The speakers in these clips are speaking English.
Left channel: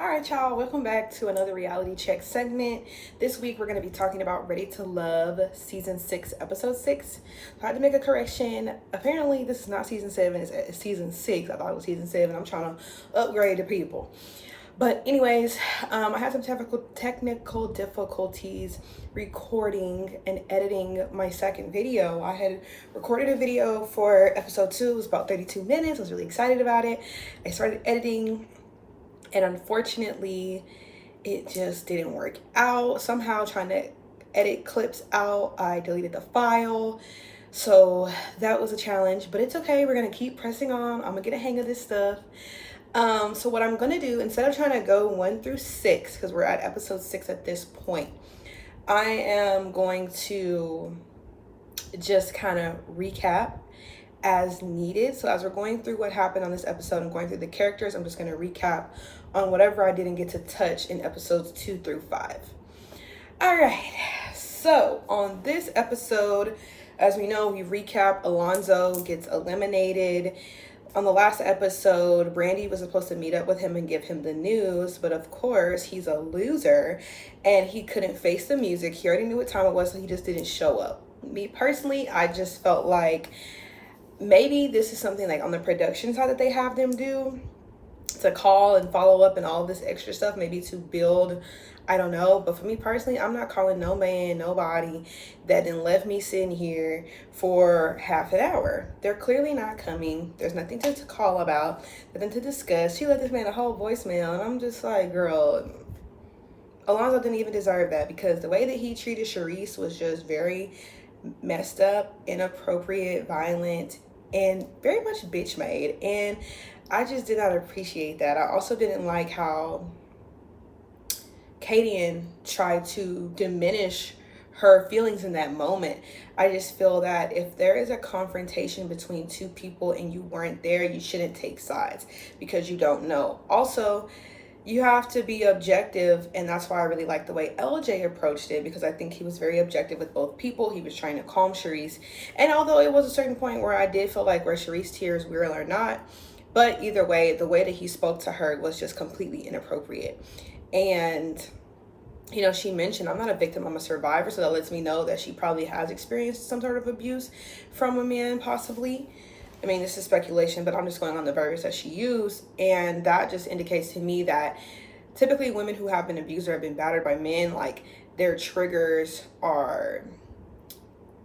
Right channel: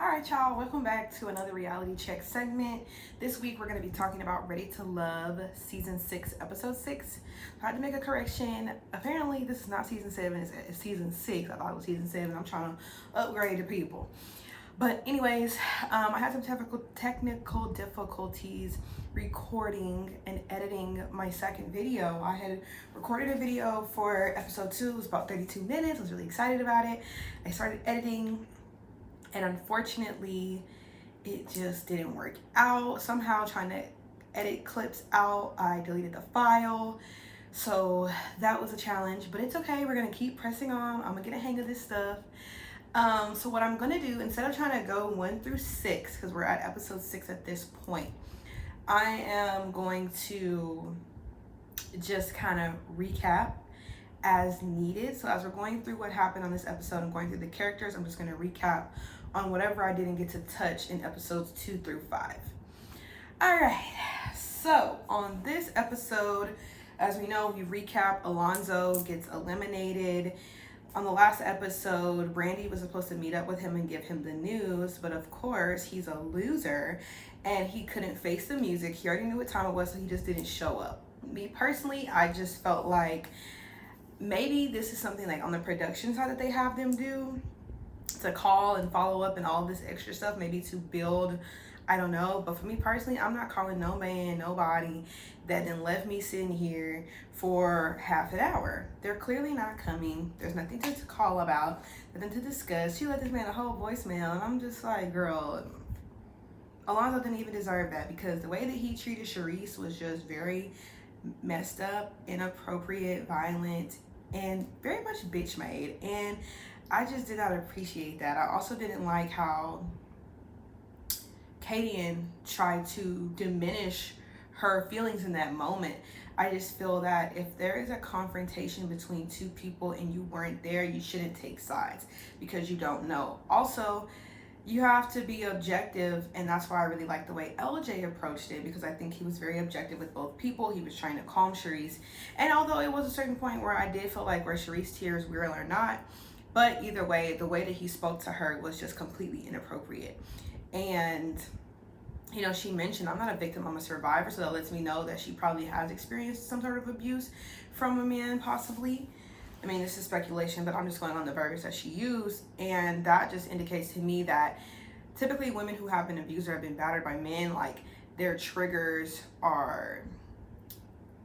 All right, y'all, welcome back to another reality check segment. This week we're going to be talking about Ready to Love season 6, episode 6. I had to make a correction. Apparently, this is not season 7, it's season 6. I thought it was season 7. I'm trying to upgrade the people. But anyways, I had some technical difficulties recording and editing my second video. I had recorded a video for episode 2. It was about 32 minutes. I was really excited about it. I started editing, and unfortunately it just didn't work out. Somehow trying to edit clips out, I deleted the file. So that was a challenge, but it's okay. We're gonna keep pressing on. I'm gonna get a hang of this stuff. So what I'm gonna do, instead of trying to go 1 through 6, because we're at episode 6 at this point, I am going to just kind of recap as needed. So as we're going through what happened on this episode and going through the characters, I'm just going to recap on whatever I didn't get to touch in episodes 2 through 5. All right, so on this episode, as we know, we recap Alonzo gets eliminated. On the last episode, Brandy was supposed to meet up with him and give him the news, but of course he's a loser and he couldn't face the music. He already knew what time it was, so he just didn't show up. Me personally, I just felt like maybe this is something like on the production side that they have them do, to call and follow up and all this extra stuff, maybe to build, I don't know. But for me personally, I'm not calling no man, nobody that then left me sitting here for half an hour. They're clearly not coming. There's nothing to call about, nothing to discuss. She left this man a whole voicemail, and I'm just like, girl, Alonzo didn't even deserve that, because the way that he treated Charisse was just very messed up, inappropriate, violent, and very much bitch made. And I just did not appreciate that. I also didn't like how Kadian tried to diminish her feelings in that moment. I just feel that if there is a confrontation between two people and you weren't there, you shouldn't take sides, because you don't know. Also, you have to be objective, and that's why I really like the way LJ approached it, because I think he was very objective with both people. He was trying to calm Charisse, and although it was a certain point where I did feel like were Charisse tears real or not, but either way, the way that he spoke to her was just completely inappropriate. And you know, she mentioned, I'm not a victim, I'm a survivor, so that lets me know that she probably has experienced some sort of abuse from a man, possibly. I mean, this is speculation, but I'm just going on the verbiage that she used. And that just indicates to me that typically women who have been abused or have been battered by men, like, their triggers are,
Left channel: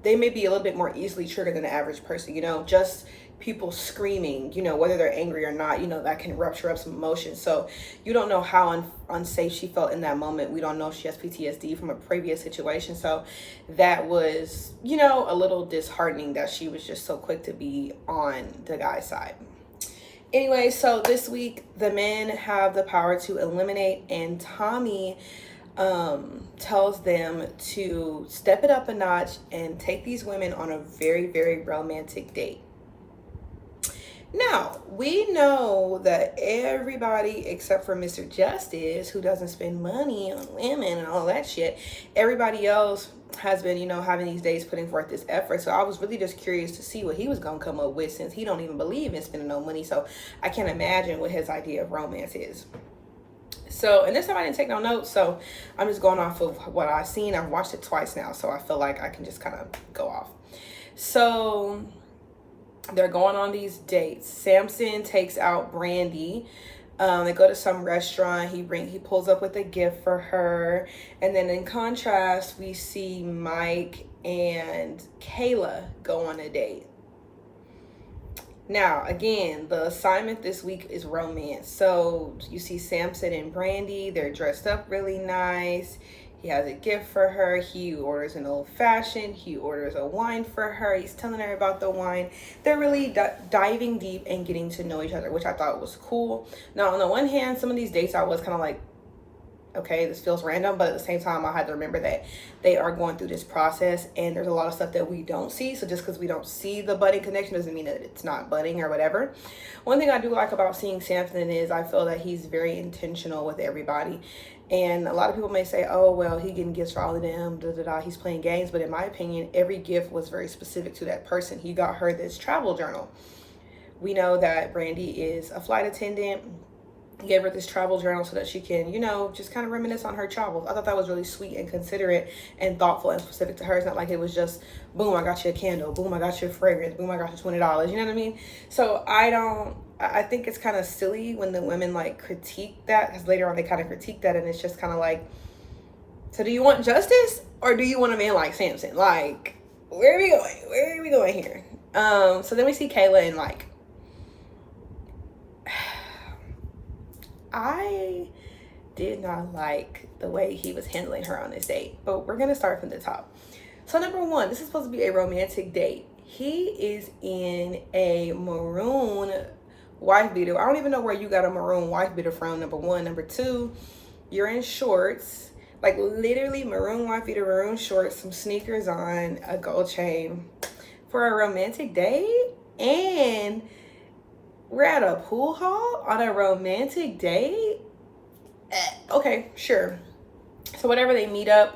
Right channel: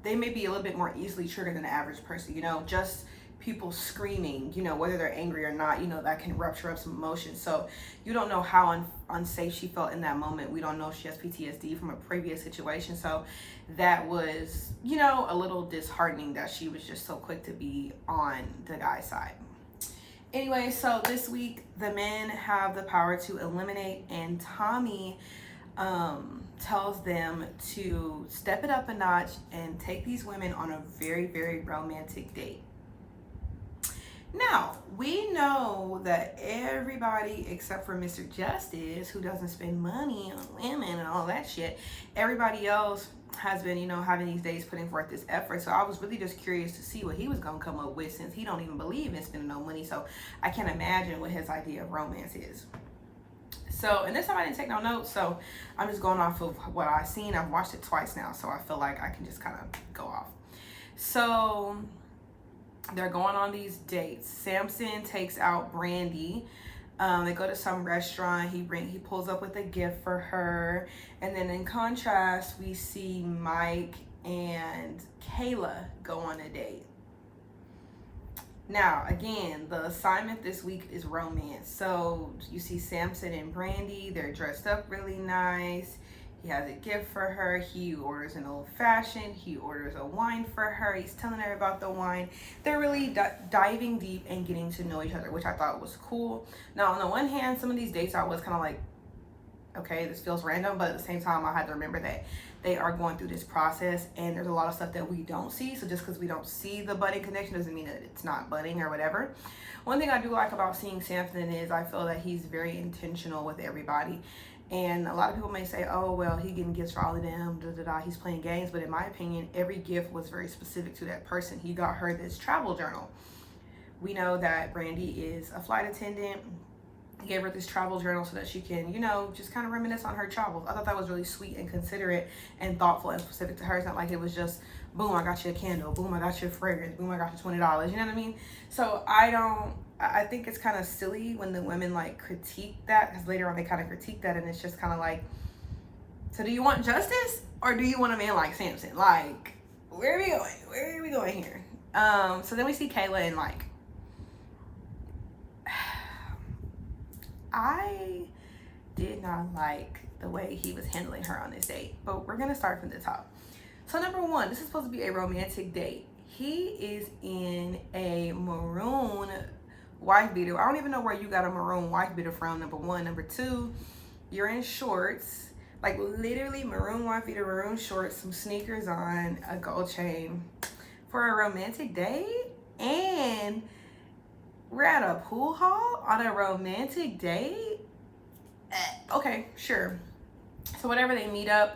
they may be a little bit more easily triggered than the average person, you know, just people screaming, you know, whether they're angry or not, you know, that can rupture up some emotions. So you don't know how unsafe she felt in that moment. We don't know if she has PTSD from a previous situation. So that was, you know, a little disheartening that she was just so quick to be on the guy's side. Anyway, so this week the men have the power to eliminate, and Tommy tells them to step it up a notch and take these women on a very, very romantic date. Now, we know that everybody except for Mr. Justice, who doesn't spend money on women and all that shit, everybody else has been, you know, having these days putting forth this effort. So I was really just curious to see what he was going to come up with, since he don't even believe in spending no money. So I can't imagine what his idea of romance is. So, and this time I didn't take no notes, so I'm just going off of what I've seen. I've watched it twice now, so I feel like I can just kind of go off. So they're going on these dates. Samson takes out Brandy. They go to some restaurant. He pulls up with a gift for her. And then in contrast, we see Mike and Kayla go on a date. Now, again, the assignment this week is romance. So you see Samson and Brandy. They're dressed up really nice. He has a gift for her. He orders an old fashioned. He orders a wine for her. He's telling her about the wine. They're really diving deep and getting to know each other, which I thought was cool. Now, on the one hand, some of these dates I was kind of like, okay, this feels random, but at the same time, I had to remember that they are going through this process, and there's a lot of stuff that we don't see. So just because we don't see the budding connection doesn't mean that it's not budding or whatever. One thing I do like about seeing Samson is I feel that he's very intentional with everybody. And a lot of people may say, oh, well, he getting gifts for all of them, he's playing games. But in my opinion, every gift was very specific to that person. He got her this travel journal. We know that Brandy is a flight attendant. gave her this travel journal so that she can, you know, just kind of reminisce on her travels. I thought that was really sweet and considerate and thoughtful and specific to her. It's not like it was just, boom, I got you a candle, boom, I got you a fragrance, boom, I got you $20. You know what I mean? So I think it's kind of silly when the women like critique that, because later on they kind of critique that, and it's just kind of like, so do you want justice or do you want a man like Samson? Like, where are we going? Where are we going here? So then we see Kayla and like, I did not like the way he was handling her on this date, but we're gonna start from the top. So number one, this is supposed to be a romantic date. He is in a maroon wife beater. I don't even know where you got a maroon wife beater from, number one. Number two, you're in shorts, like literally maroon wife beater, maroon shorts, some sneakers on, a gold chain for a romantic date. And we're at a pool hall on a romantic date. Okay, sure. So whatever, they meet up,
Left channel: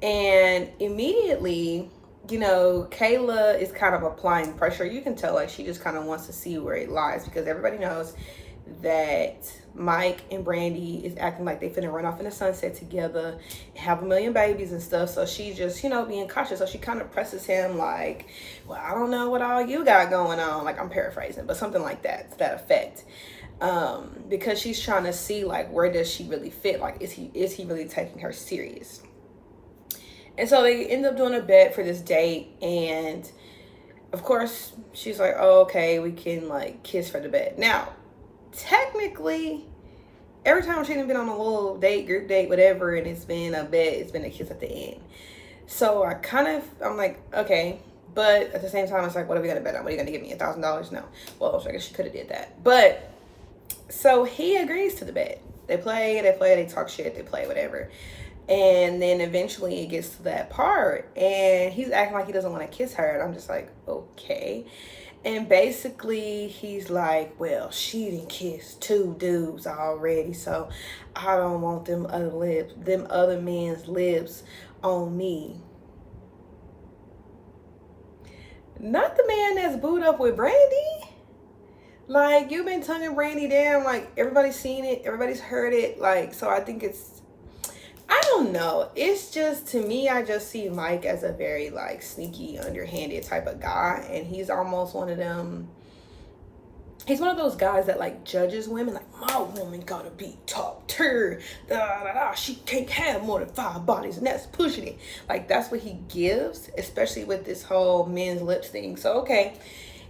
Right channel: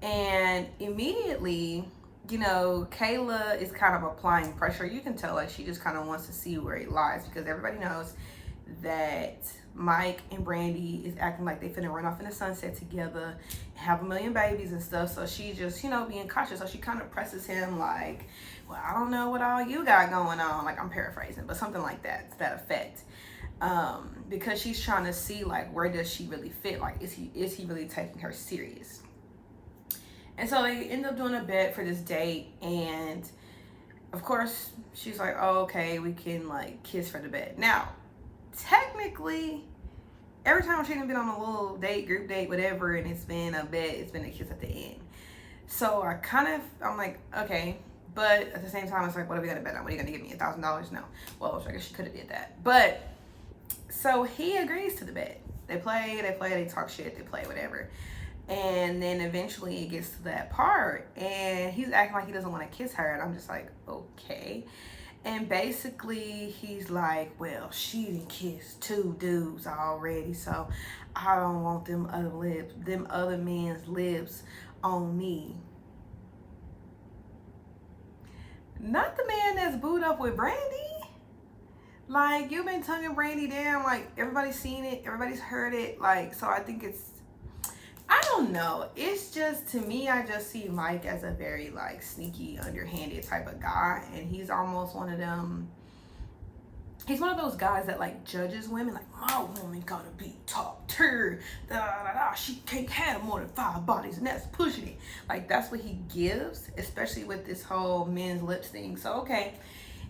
and immediately, you know, Kayla is kind of applying pressure. You can tell like she just kind of wants to see where it lies, because everybody knows that Mike and Brandy is acting like they finna run off in the sunset together, have a million babies and stuff. So she just, you know, being cautious. So she kind of presses him like, well, I don't know what all you got going on. Like, I'm paraphrasing, but something like that, to that effect. Because she's trying to see like, where does she really fit? Like, is he really taking her serious? And so they end up doing a bet for this date, and of course she's like, oh, okay, we can like kiss for the bet. Now, technically, every time she's been on a little date, group date, whatever, and it's been a bet, it's been a kiss at the end. So I'm like, okay, but at the same time, it's like, what are we gonna bet on? What are you gonna give me, $1,000? No. Well, I guess she could have did that. But so he agrees to the bet. They play, they talk shit, they play, whatever. And then eventually it gets to that part, and he's acting like he doesn't want to kiss her, and I'm just like, okay. And basically he's like, well, she done kissed 2 dudes already, so I don't want them other men's lips on me. Not the man that's booed up with Brandy. Like, you've been tonguing Brandy down, like everybody's seen it, everybody's heard it. Like, so I think I don't know. It's just, to me, I just see Mike as a very like sneaky, underhanded type of guy. And he's almost one of them. He's one of those guys that like judges women. Like, my woman gotta be top tier. She can't have more than 5 bodies, and that's pushing it. Like, that's what he gives, especially with this whole men's lips thing. So, okay.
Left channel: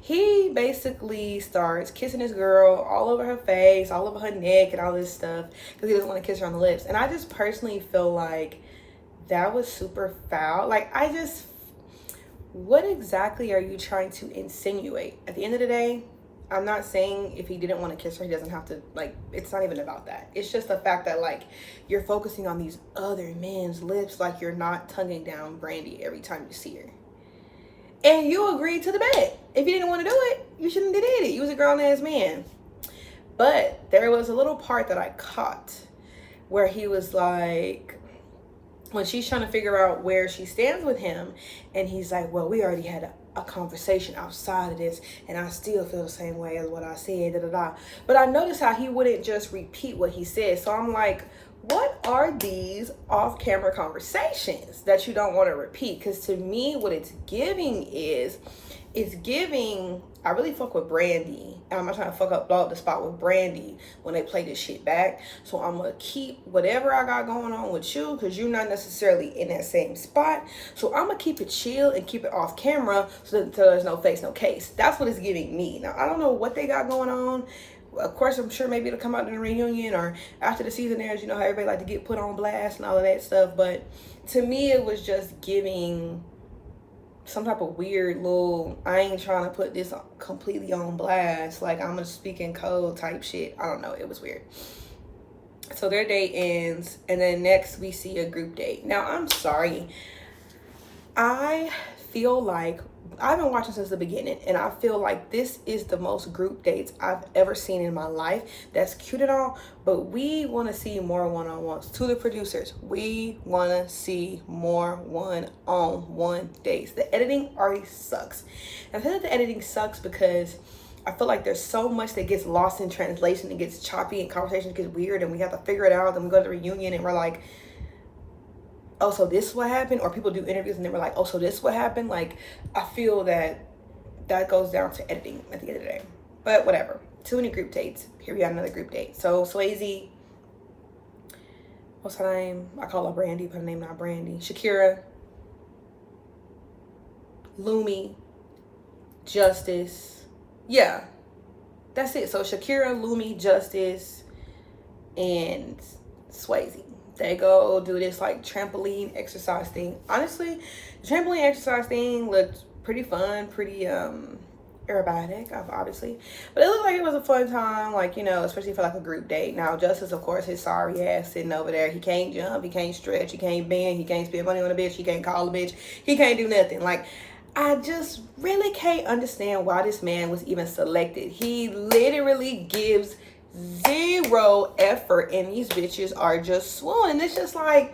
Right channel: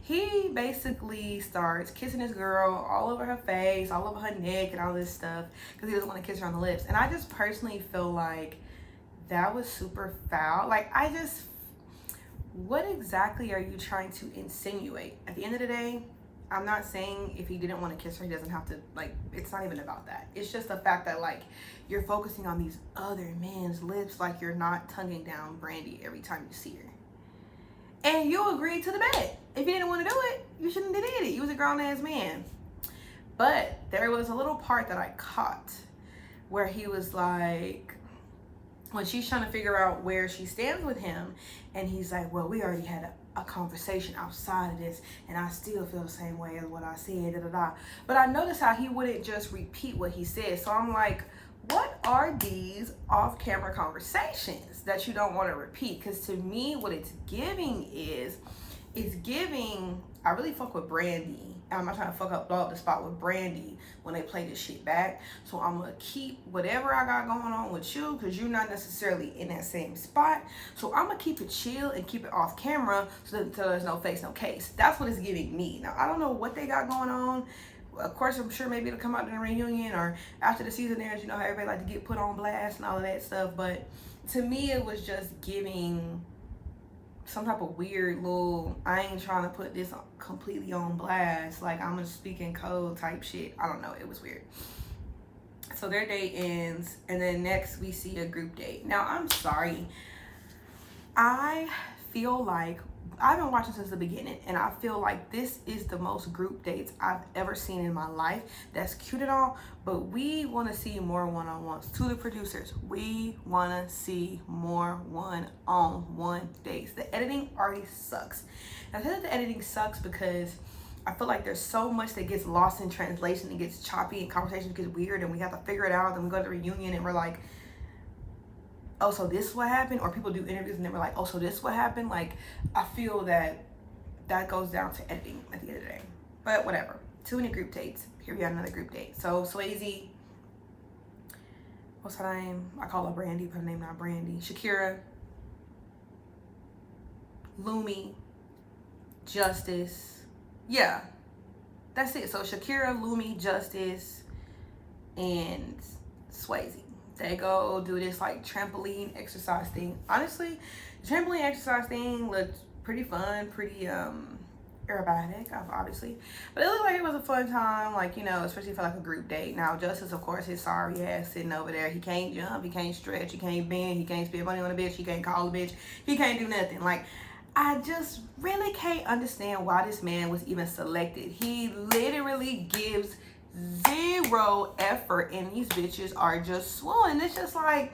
He basically starts kissing this girl all over her face, all over her neck, and all this stuff, because he doesn't want to kiss her on the lips. And I just personally feel like that was super foul. Like, what exactly are you trying to insinuate? At the end of the day, I'm not saying if he didn't want to kiss her, he doesn't have to, like, it's not even about that. It's just the fact that, like, you're focusing on these other men's lips, like you're not tonguing down Brandy every time you see her. And you agreed to the bet. If you didn't want to do it, you shouldn't have did it. You was a grown-ass man. But there was a little part that I caught where he was like, when she's trying to figure out where she stands with him, and he's like, well, we already had a conversation outside of this, and I still feel the same way as what I said, But I noticed how he wouldn't just repeat what he said. So I'm like, what are these off-camera conversations that you don't want to repeat? Because to me, what it's giving is, I really fuck with Brandy. I'm not trying to blow up the spot with Brandy when they play this shit back. So I'm going to keep whatever I got going on with you, because you're not necessarily in that same spot. So I'm going to keep it chill and keep it off camera so there's no face, no case. That's what it's giving me. Now, I don't know what they got going on. Of course, I'm sure maybe it'll come out in a reunion or after the season airs. You know how everybody like to get put on blast and all of that stuff. But to me, it was just giving some type of weird little, I ain't trying to put this completely on blast, like I'm gonna speak in code type shit. I don't know, it was weird. So their date ends, and then next we see a group date. Now, I'm sorry, I feel like I've been watching since the beginning, and I feel like this is the most group dates I've ever seen in my life. That's cute and all, but we want to see more one-on-ones. To the producers, we want to see more one-on-one dates. The editing already sucks. I feel like the editing sucks because I feel like there's so much that gets lost in translation. It gets choppy and conversation gets weird and we have to figure it out. Then we go to the reunion and we're like, oh, so this is what happened? Or people do interviews and then we're like, oh, so this is what happened? Like, I feel that goes down to editing at the end of the day. But whatever. Too many group dates. Here we got another group date. So Swayze, what's her name? I call her Brandy, but her name not Brandy. Shakira, Lumi, Justice. Yeah, that's it. So Shakira, Lumi, Justice, and Swayze. They go do this like trampoline exercise thing. Honestly, the trampoline exercise thing looked pretty fun, pretty aerobatic, obviously. But it looked like it was a fun time, like, you know, especially for like a group date. Now, Justice, of course, his sorry ass sitting over there. He can't jump, he can't stretch, he can't bend, he can't spend money on a bitch, he can't call a bitch, he can't do nothing. Like, I just really can't understand why this man was even selected. He literally gives zero effort and these bitches are just swoon. And it's just like,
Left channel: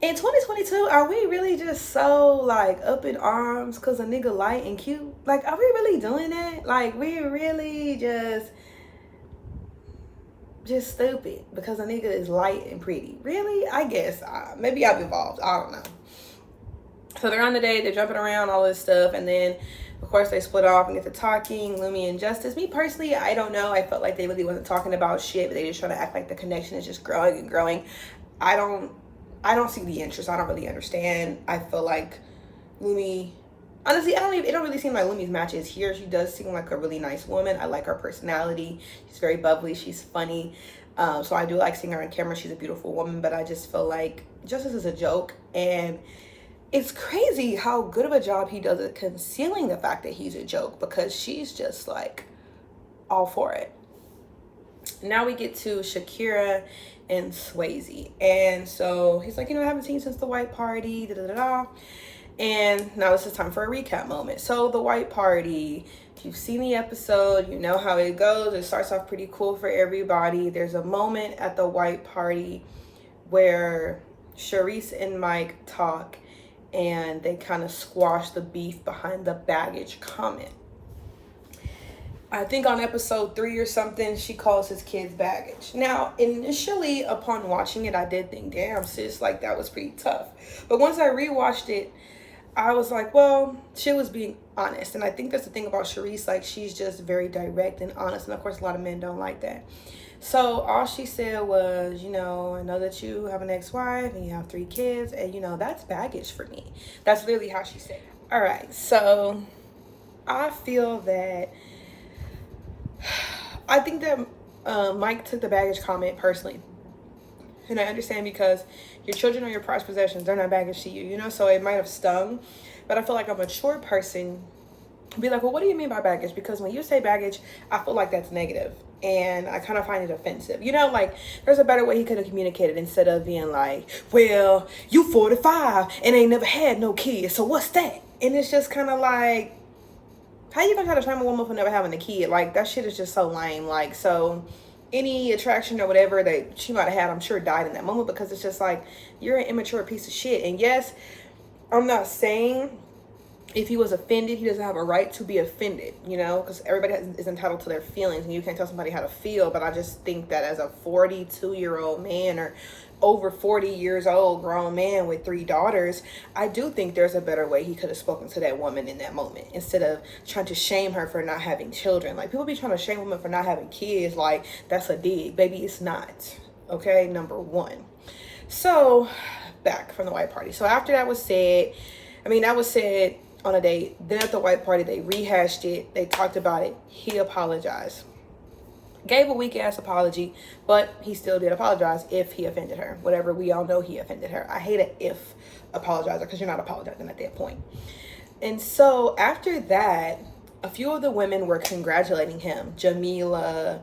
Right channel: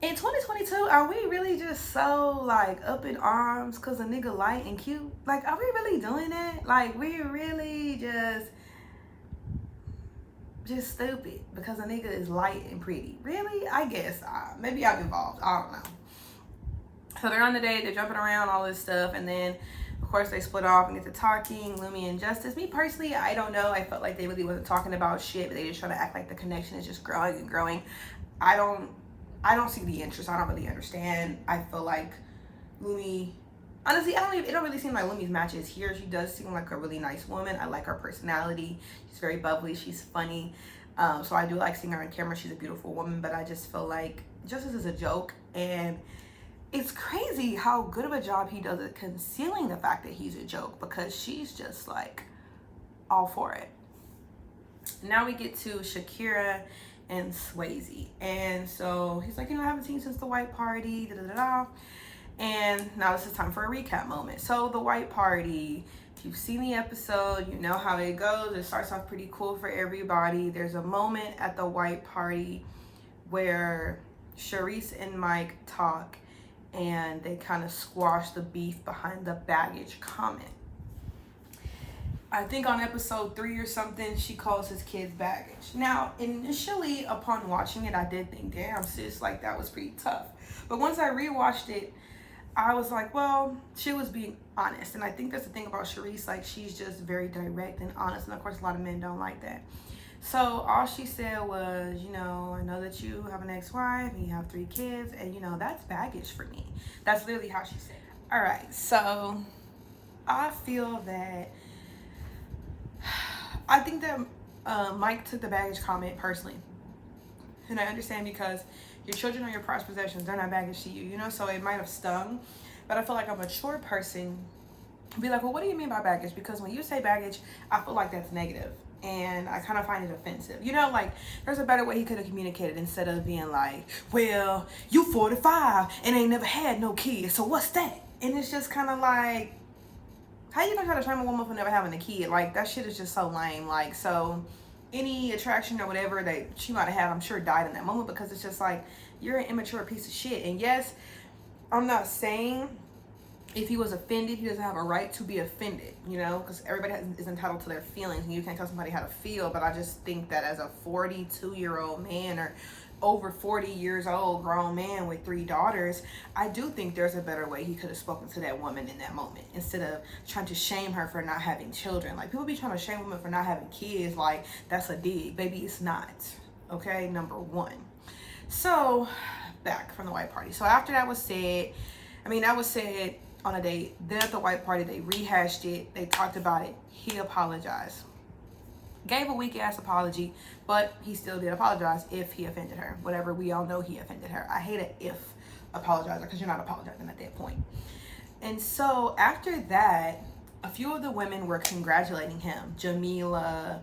in 2022, are we really just so like up in arms because a nigga light and cute? Like, are we really doing that? Like, we really just stupid because a nigga is light and pretty? Really? I guess maybe I've evolved. I don't know. So they're on the date, they're jumping around, all this stuff, and then of course they split off and get to talking. Lumi and Justice. Me personally, I don't know. I felt like they really wasn't talking about shit, but they just trying to act like the connection is just growing and growing. I don't see the interest. I don't really understand. I feel like Lumi, honestly, it don't really seem like Lumi's matches here. She does seem like a really nice woman. I like her personality. She's very bubbly. She's funny. So I do like seeing her on camera. She's a beautiful woman, but I just feel like Justice is a joke. And it's crazy how good of a job he does at concealing the fact that he's a joke, because she's just like all for it. Now we get to Shakira and Swayze. And so he's like, you know, I haven't seen you since the white party, da da da da. And now this is time for a recap moment. So the white party, if you've seen the episode, you know how it goes. It starts off pretty cool for everybody. There's a moment at the white party where Charisse and Mike talk and they kind of squash the beef behind the baggage comment. I think on episode 3 or something, she calls his kids baggage. Now, initially, upon watching it, I did think, damn, sis, like, that was pretty tough. But once I rewatched it, I was like, well, she was being honest. And I think that's the thing about Charisse, like, she's just very direct and honest. And, of course, a lot of men don't like that. So all she said was, you know, I know that you have an ex-wife and you have 3 kids. And, you know, that's baggage for me. That's literally how she said it. All right, so I feel that... I think that Mike took the baggage comment personally. And I understand, because your children are your prized possessions. They're not baggage to you, you know? So it might have stung. But I feel like a mature person would be like, well, what do you mean by baggage? Because when you say baggage, I feel like that's negative. And I kind of find it offensive. You know, like, there's a better way he could have communicated instead of being like, well, you 45 and ain't never had no kids. So what's that? And it's just kind of like, how you gonna try to shame a woman for never having a kid? Like, that shit is just so lame. Like, so any attraction or whatever that she might have had, I'm sure died in that moment, because it's just like, you're an immature piece of shit. And yes, I'm not saying if he was offended, he doesn't have a right to be offended, you know, because everybody is entitled to their feelings and you can't tell somebody how to feel. But I just think that as a 42-year-old man, or over 40 years old grown man with 3 daughters, I do think there's a better way he could have spoken to that woman in that moment, instead of trying to shame her for not having children. Like, people be trying to shame women for not having kids, like that's a dig. Baby, it's not. Okay, number 1. So back from the white party. So after that was said, that was said on a date. Then at the white party, they rehashed it. They talked about it. He apologized. Gave a weak ass apology, but he still did apologize if he offended her. Whatever, we all know he offended her. I hate an if apologizer, because you're not apologizing at that point. And so after that, a few of the women were congratulating him. Jamila,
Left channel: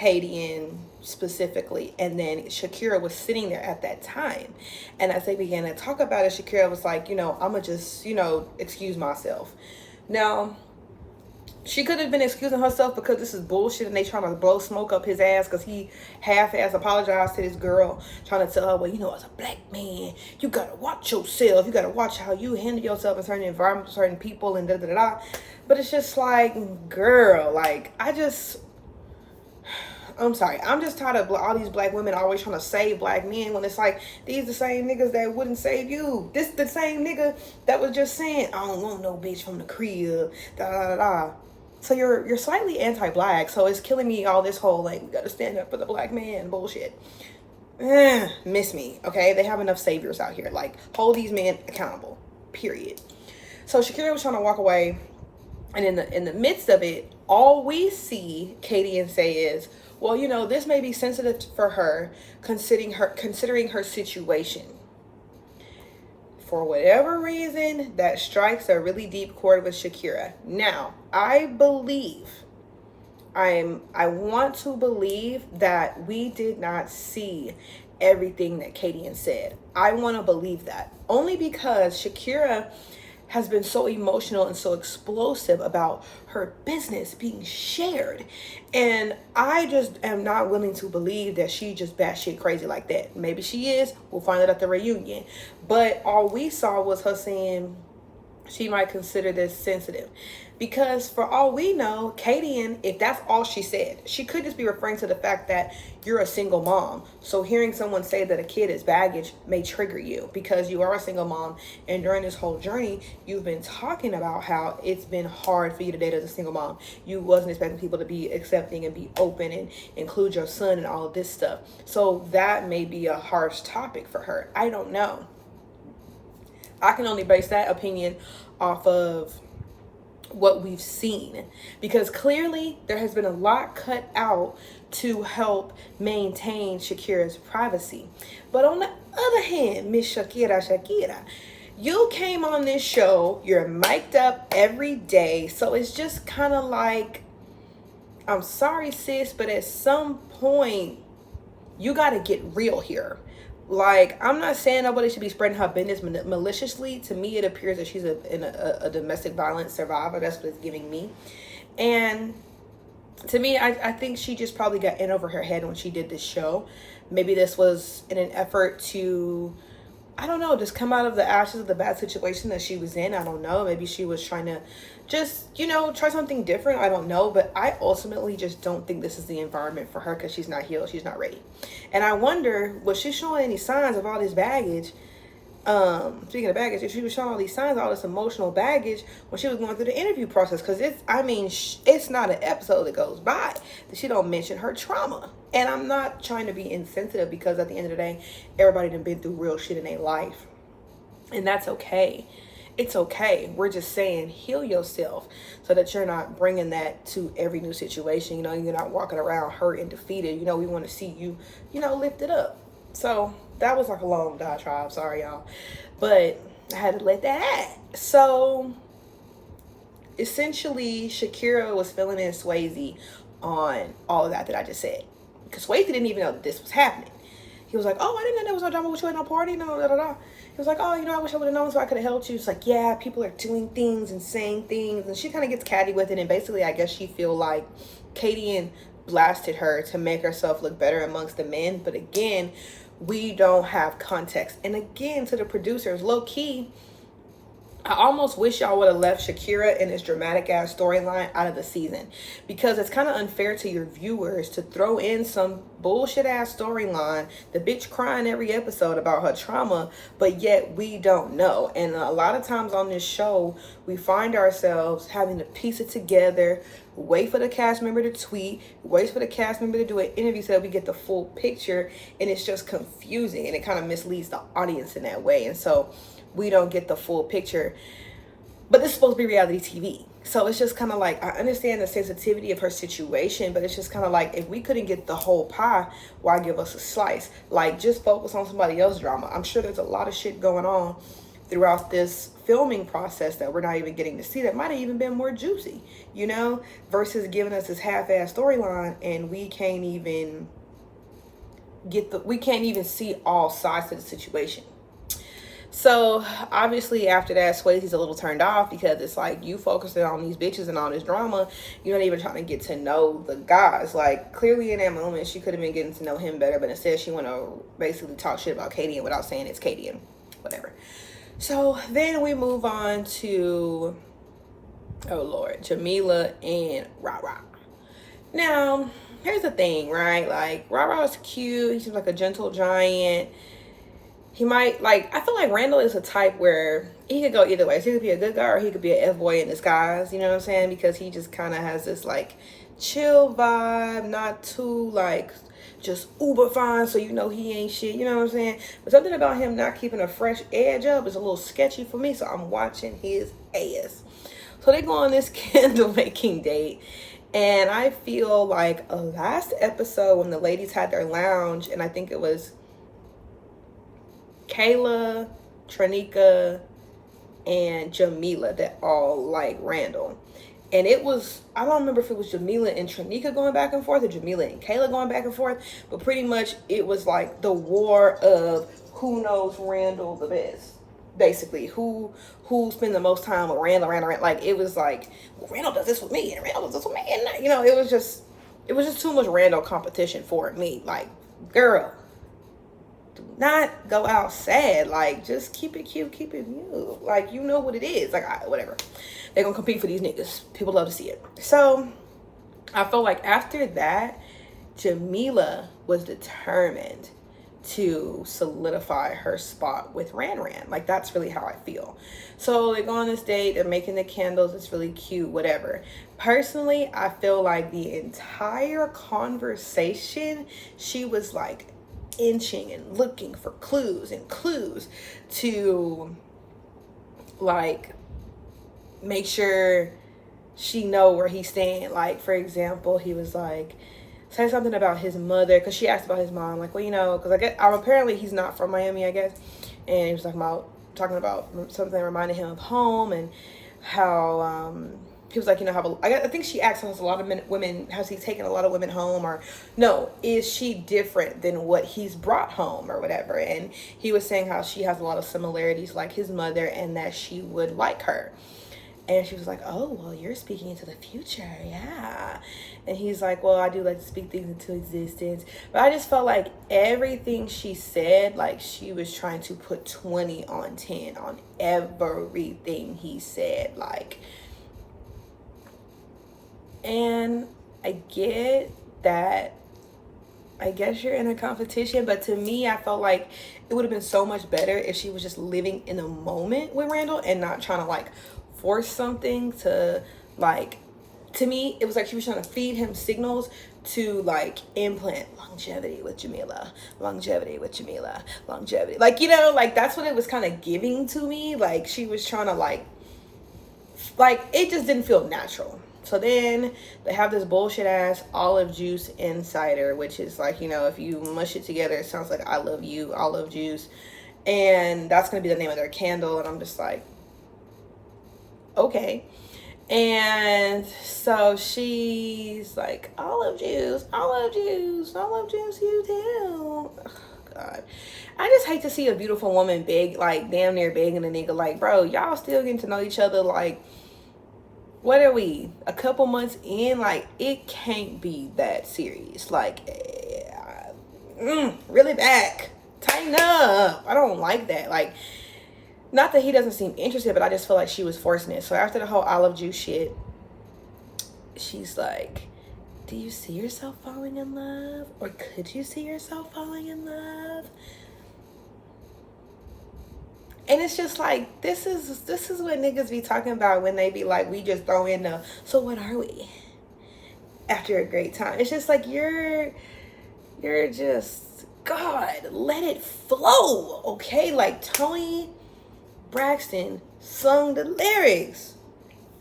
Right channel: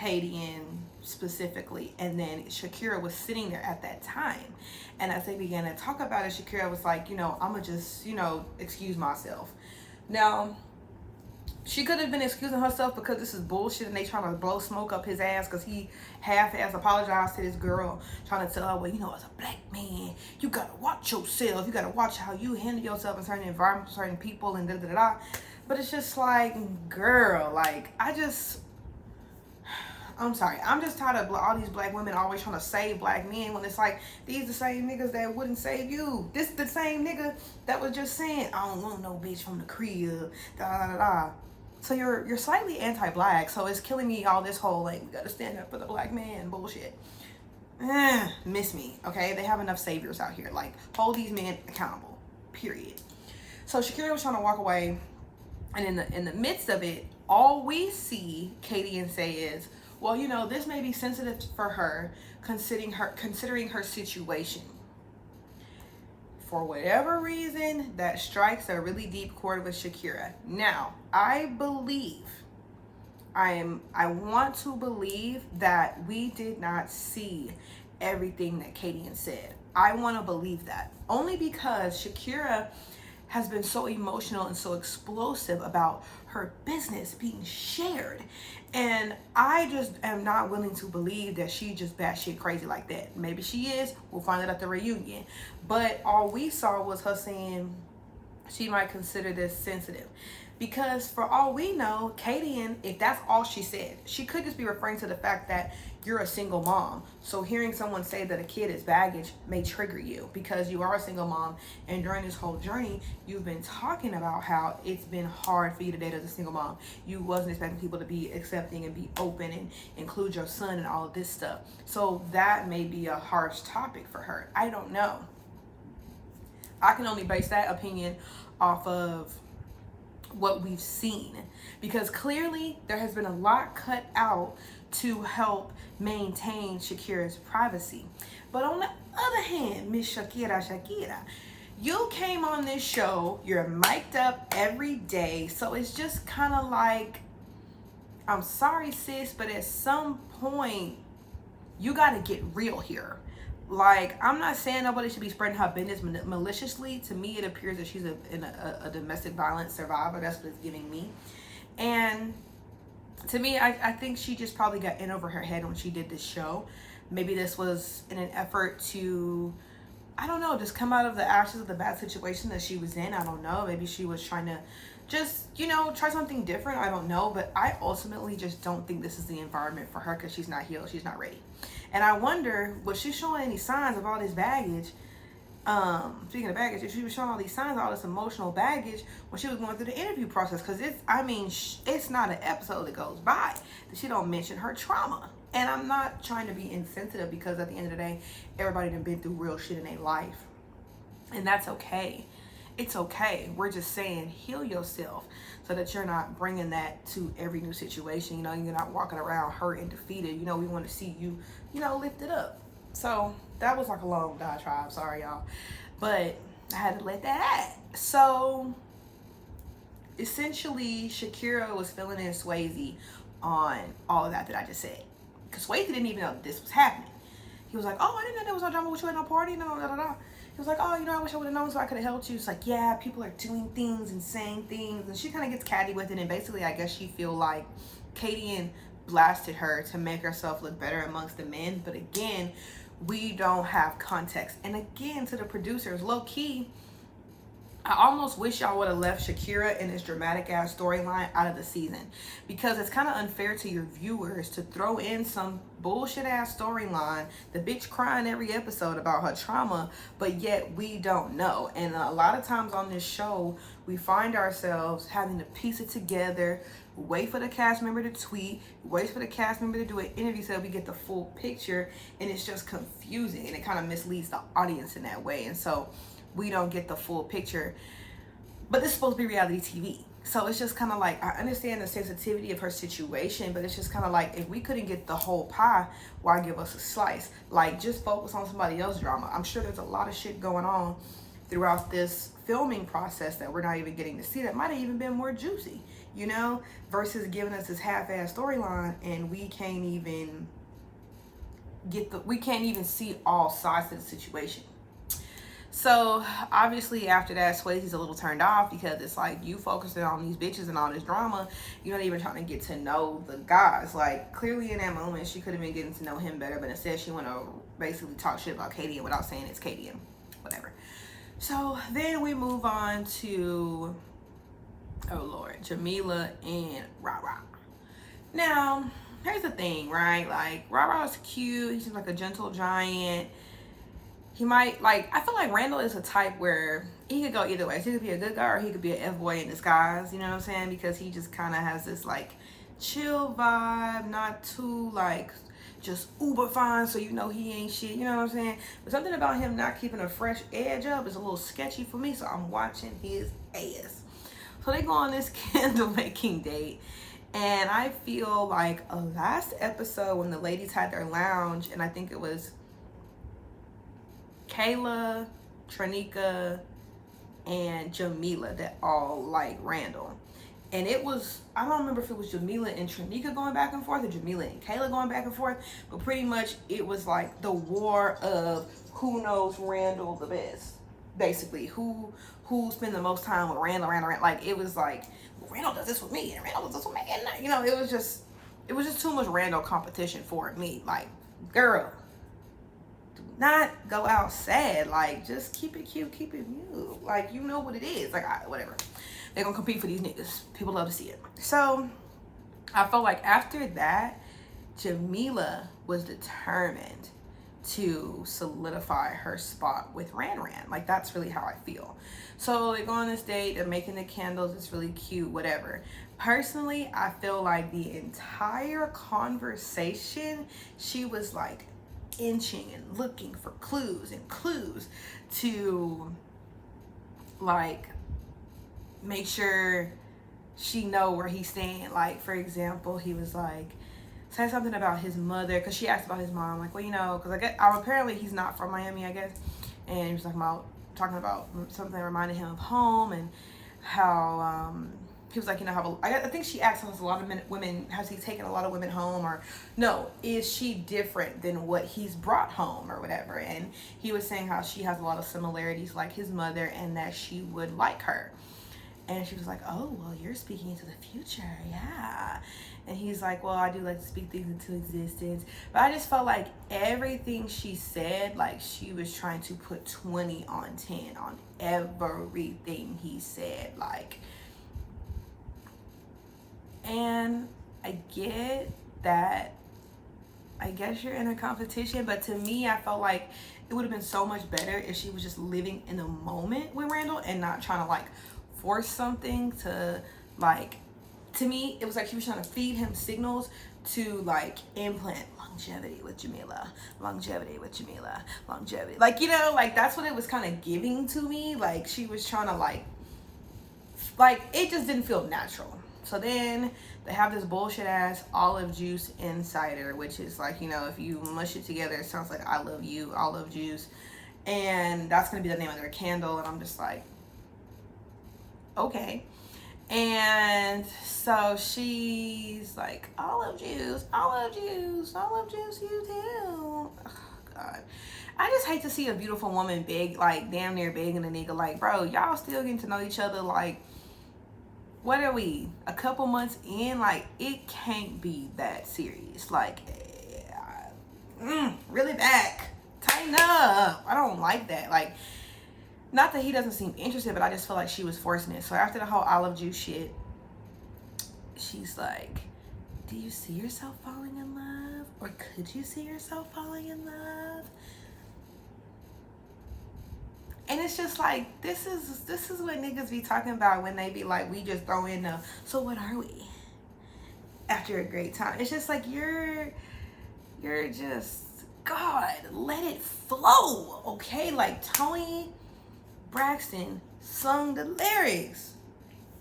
Hadian specifically, and then Shakira was sitting there at that time. And as they began to talk about it, Shakira was like, you know, I'ma just, you know, excuse myself. Now, She could have been excusing herself because this is bullshit and they trying to blow smoke up his ass because he half-ass apologized to this girl, trying to tell her, well, you know, as a black man, you gotta watch yourself. You gotta watch how you handle yourself in certain environments, certain people, and da-da-da-da. But it's just like, girl, like, I'm sorry. I'm just tired of all these black women always trying to save black men when it's like, these the same niggas that wouldn't save you. This the same nigga that was just saying, I don't want no bitch from the crib, da-da-da-da. So you're slightly anti-black, so it's killing me all this whole, like, we gotta stand up for the black man bullshit. Miss me, okay? They have enough saviors out here. Like, hold these men accountable, period. So Shakira was trying to walk away, and in the midst of it, all we see Katie say is, well, you know, this may be sensitive for her, considering her situation. For whatever reason, that strikes a really deep chord with Shakira. Now, I want to believe that we did not see everything that Katie said. I want to believe that. Only because Shakira has been so emotional and so explosive about her business being shared. And I just am not willing to believe that she just batshit crazy like that. Maybe she is. We'll find out at the reunion. But all we saw was her saying she might consider this sensitive. Because for all we know, Katie, if that's all she said, she could just be referring to the fact that you're a single mom. So hearing someone say that a kid is baggage may trigger you because you are a single mom. And during this whole journey, you've been talking about how it's been hard for you to date as a single mom. You wasn't expecting people to be accepting and be open and include your son and all of this stuff. So that may be a harsh topic for her. I don't know. I can only base that opinion off of what we've seen, because clearly there has been a lot cut out to help maintain Shakira's privacy. But on the other hand, Miss Shakira, you came on this show, you're mic'd up every day, so it's just kind of like, I'm sorry sis, but at some point you got to get real here. Like, I'm not saying nobody should be spreading her business maliciously. To me, it appears that she's a domestic violence survivor. That's what it's giving me. And to me, I think she just probably got in over her head when she did this show. Maybe this was in an effort to, I don't know, just come out of the ashes of the bad situation that she was in. I don't know. Maybe she was trying to just, you know, try something different. I don't know. But I ultimately just don't think this is the environment for her because she's not healed. She's not ready. And I wonder, was she showing any signs of all this baggage? Speaking of baggage, if she was showing all these signs, all this emotional baggage when she was going through the interview process, because it's not an episode that goes by that she don't mention her trauma. And I'm not trying to be insensitive, because at the end of the day, everybody done been through real shit in their life, and that's okay. It's okay. We're just saying, heal yourself so that you're not bringing that to every new situation. You know, you're not walking around hurt and defeated. You know, we want to see you, you know, lifted up. So that was like a long diatribe. Sorry, y'all. But I had to let that out. So essentially, Shakira was filling in Swayze on all of that I just said. Because Swayze didn't even know that this was happening. He was like, oh, I didn't know there was no drama with you at no party. No, da, da, da. He was like, oh, you know, I wish I would have known so I could have helped you. It's like, yeah, people are doing things and saying things. And she kind of gets catty with it. And basically, I guess she feel like Katie blasted her to make herself look better amongst the men. But again, we don't have context. And again, to the producers, low key, I almost wish y'all would have left Shakira in this dramatic ass storyline out of the season, because it's kind of unfair to your viewers to throw in some bullshit ass storyline, the bitch crying every episode about her trauma, but yet we don't know. And a lot of times on this show, we find ourselves having to piece it together, wait for the cast member to tweet, wait for the cast member to do an interview so that we get the full picture, and it's just confusing, and it kind of misleads the audience in that way. And so we don't get the full picture. But this is supposed to be reality TV. So it's just kind of like, I understand the sensitivity of her situation, but it's just kind of like, if we couldn't get the whole pie, why give us a slice? Like, just focus on somebody else's drama. I'm sure there's a lot of shit going on throughout this filming process that we're not even getting to see that might have even been more juicy, you know, versus giving us this half-ass storyline, and we can't even see all sides of the situation. So obviously after that, Swayze's a little turned off because it's like you focusing on these bitches and all this drama. You're not even trying to get to know the guys. Like clearly in that moment, she could have been getting to know him better, but instead she want to basically talk shit about Katie and without saying it's Katie and whatever. So then we move on to, oh Lord, Jamila and Ra. Now, here's the thing, right? Like Ra's cute. He seems like a gentle giant. He might, like, I feel like Randall is a type where he could go either way. So he could be a good guy or he could be an F-boy in disguise, you know what I'm saying? Because he just kind of has this, like, chill vibe, not too, like, just uber fine, so you know he ain't shit, you know what I'm saying? But something about him not keeping a fresh edge up is a little sketchy for me, so I'm watching his ass. So they go on this candle making date. And I feel like last episode when the ladies had their lounge, and I think it was Kayla, Tranika, and Jamila that all like Randall. And it was, I don't remember if it was Jamila and Tranika going back and forth or Jamila and Kayla going back and forth, but pretty much it was like the war of who knows Randall the best. Basically, who spend the most time with Randall. Like it was like, well, Randall does this with me and Randall does this with me, and you know, it was just too much Randall competition for me. Like, girl, do not go out sad. Like, just keep it cute, keep it new. Like, you know what it is. Like, whatever. They're gonna compete for these niggas. People love to see it. So I feel like after that, Jamila was determined to solidify her spot with Ran. Like, that's really how I feel. So they go on this date, they're making the candles, it's really cute, whatever. Personally, I feel like the entire conversation, she was like inching and looking for clues to like make sure she know where he's staying. Like, for example, he was like, say something about his mother, because she asked about his mom, like, well, you know, because I guess apparently he's not from Miami, I guess, and he was talking about something that reminded him of home, and how he was like, you know, how I think she asked us a lot of women, has he taken a lot of women home, or no, is she different than what he's brought home or whatever? And he was saying how she has a lot of similarities like his mother, and that she would like her. And she was like, oh, well, you're speaking into the future, yeah. And he's like, well, I do like to speak things into existence. But I just felt like everything she said, like she was trying to put 20 on 10 on everything he said. Like, and I get that, I guess you're in a competition, but to me, I felt like it would have been so much better if she was just living in the moment with Randall and not trying to like force something to like, to me, it was like she was trying to feed him signals to like implant longevity with Jamila, longevity. Like, you know, like that's what it was kind of giving to me. Like she was trying to like it just didn't feel natural. So then they have this bullshit ass olive juice insider, which is like, you know, if you mush it together, it sounds like I love you, olive juice. And that's going to be the name of their candle. And I'm just like, okay. And so she's like, olive juice, you too. Oh, God. I just hate to see a beautiful woman beg, like damn near begging a nigga, like, bro, y'all still getting to know each other. Like, what are we, a couple months in? Like, it can't be that serious. Like, really back, tighten up. I don't like that. Like, not that he doesn't seem interested, but I just feel like she was forcing it. So after the whole olive juice shit, she's like, do you see yourself falling in love? Or could you see yourself falling in love? And it's just like, this is what niggas be talking about when they be like, we just throw in the, so what are we? After a great time. It's just like, you're just, God, let it flow, okay? Like Toni Braxton sung the lyrics.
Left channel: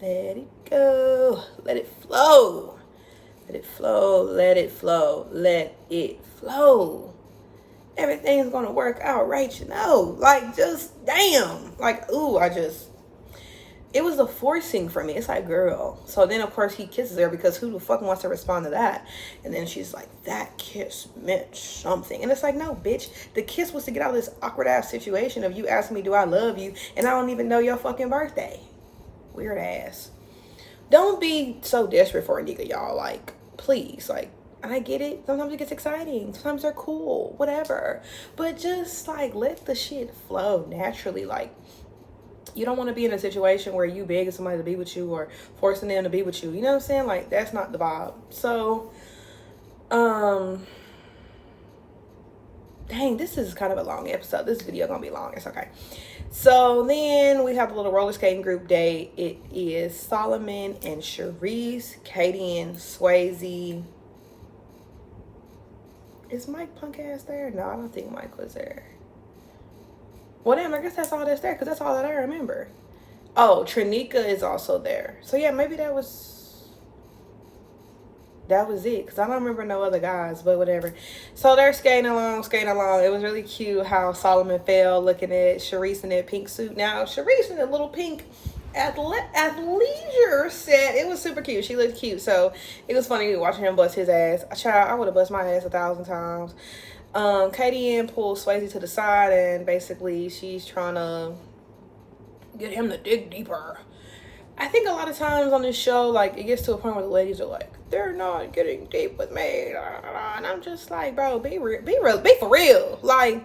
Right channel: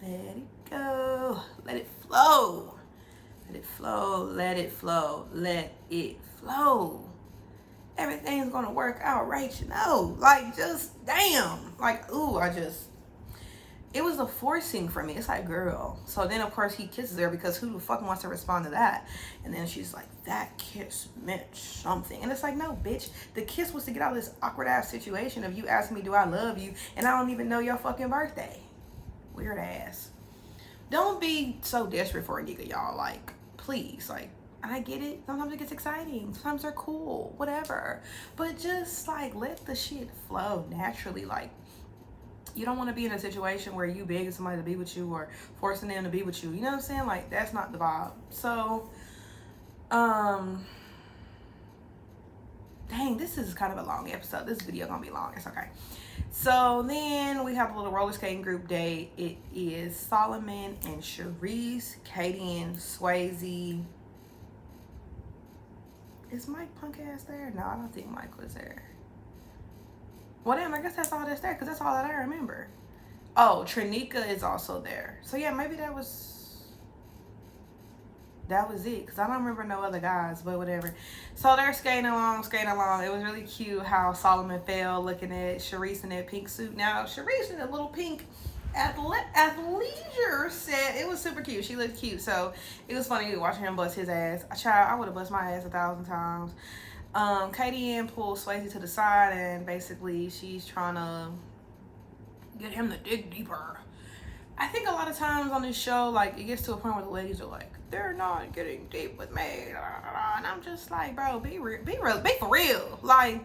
Let it go, let it flow. Let it flow, let it flow, let it flow. Everything's gonna work out, right? You know, like, just damn, like, ooh, it was a forcing for me. It's like, girl. So then of course he kisses her, because who the fuck wants to respond to that? And then she's like, that kiss meant something. And it's like, no, bitch. The kiss was to get out of this awkward ass situation of you asking me, do I love you? And I don't even know your fucking birthday. Weird ass. Don't be so desperate for a nigga, y'all. Like, please. Like, I get it. Sometimes it gets exciting. Sometimes they're cool. Whatever. But just like, let the shit flow naturally. Like, you don't want to be in a situation where you begging somebody to be with you or forcing them to be with you. You know what I'm saying? Like, that's not the vibe. So, dang, this is kind of a long episode. This video gonna be long. It's okay. So then we have a little roller skating group date. It is Solomon and Charisse, Katie and Swayze. Is Mike punk ass there? No, I don't think Mike was there. Well, damn, I guess that's all that's there, because that's all that I remember. Oh, Trinika is also there. So yeah, maybe that was it, because I don't remember no other guys, but whatever. So they're skating along. It was really cute how Solomon fell looking at Charisse in that pink suit. Now, Charisse in a little pink athleisure set. It was super cute. She looked cute. So it was funny watching him bust his ass. Child, I would have bust my ass 1,000 times. Katie Ann pulls Swayze to the side, and basically she's trying to get him to dig deeper. I think a lot of times on this show, like, it gets to a point where the ladies are like, they're not getting deep with me, and I'm just like, bro, be for real. Like,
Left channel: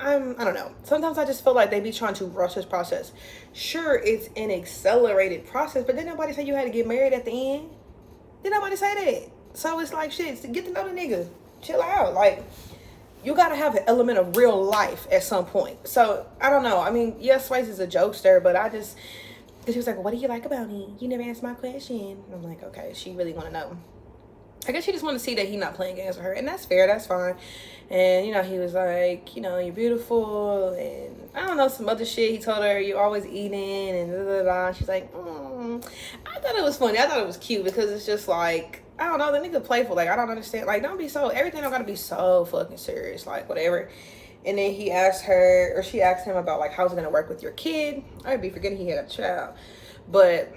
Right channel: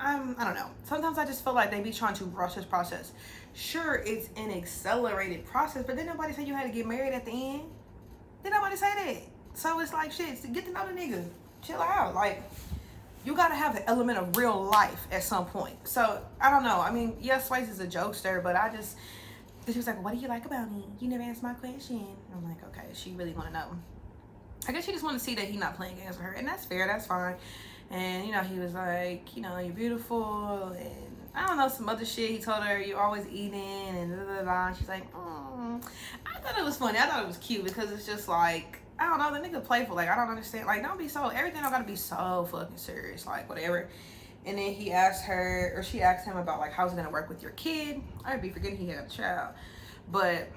I don't know. Sometimes I just feel like they be trying to rush this process. Sure, it's an accelerated process, but didn't nobody say you had to get married at the end? Didn't nobody say that? So it's like, shit, get to know the nigga. Chill out. Like, you gotta have an element of real life at some point. So I don't know. I mean, yes, Swayze is a jokester, but she was like, what do you like about me? You never answered my question. And I'm like, okay, she really want to know. I guess she just want to see that he's not playing games with her, and that's fair. That's fine. And you know, he was like, you know, you're beautiful, and I don't know, some other shit. He told her, you're always eating, and da da da. She's like, I thought it was funny. I thought it was cute, because it's just like, I don't know, the nigga playful. Like, I don't understand. Like, don't be so, everything don't gotta be so fucking serious. Like, whatever. And then he asked her, or she asked him about, like, how's it gonna work with your kid? I'd be forgetting he had a child. But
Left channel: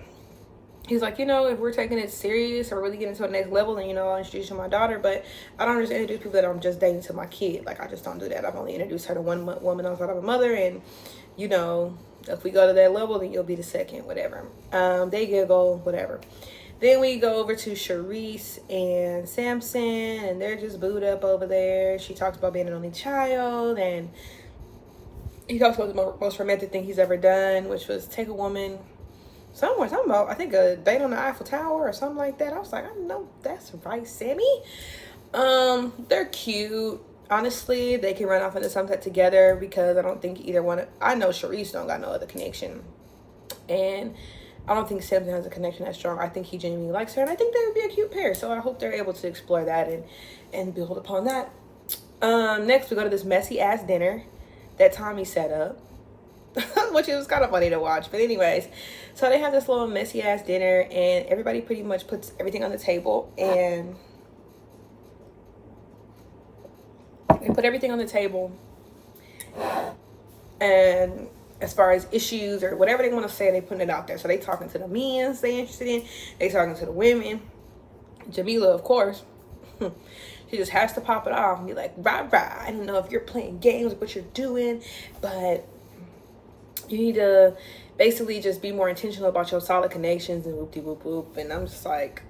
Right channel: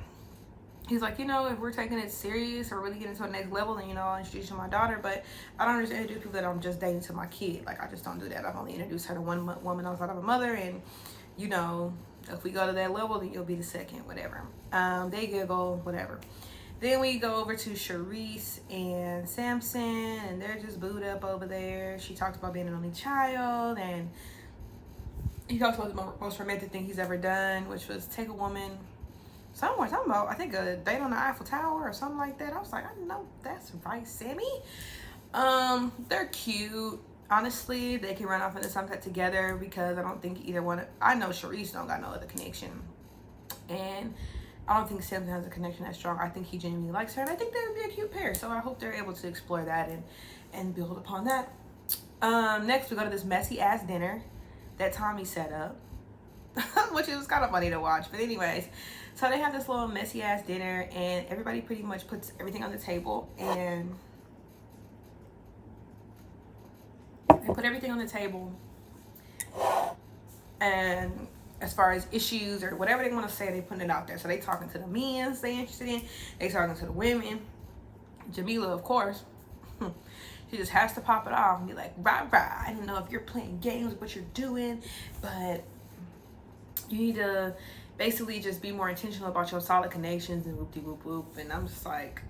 he's like, you know, if we're taking it serious or really getting to the next level, then, you know, I'll introduce you to my daughter. But I don't just introduce people that I'm just dating to my kid. Like, I just don't do that. I've only introduced her to one woman outside of a mother. And, you know, if we go to that level, then you'll be the second, whatever. They giggle, whatever. Then we go over to Charisse and Samson, and they're just booed up over there. She talks about being an only child, and he talks about the most romantic thing he's ever done, which was take a woman somewhere, talking about, I think, a date on the Eiffel Tower or something like that. I was like, I know that's right, Sammy. They're cute. Honestly, they can run off into sunset together, because I don't think either one, I know Charisse don't got no other connection, and I don't think Samson has a connection that strong. I think he genuinely likes her, and I think they would be a cute pair. So I hope they're able to explore that and build upon that. Next, we go to this messy ass dinner that Tommy set up, which is kind of funny to watch. But anyways, so they have this little messy ass dinner, and everybody pretty much puts everything on the table, and they put everything on the table, and as far as issues or whatever they want to say, they putting it out there. So they talking to the men they interested in, they talking to the women. Jamila, of course, she just has to pop it off and be like, rah, rah. I don't know if you're playing games with what you're doing, but you need to basically just be more intentional about your solid connections and whoop de whoop whoop. And I'm just like,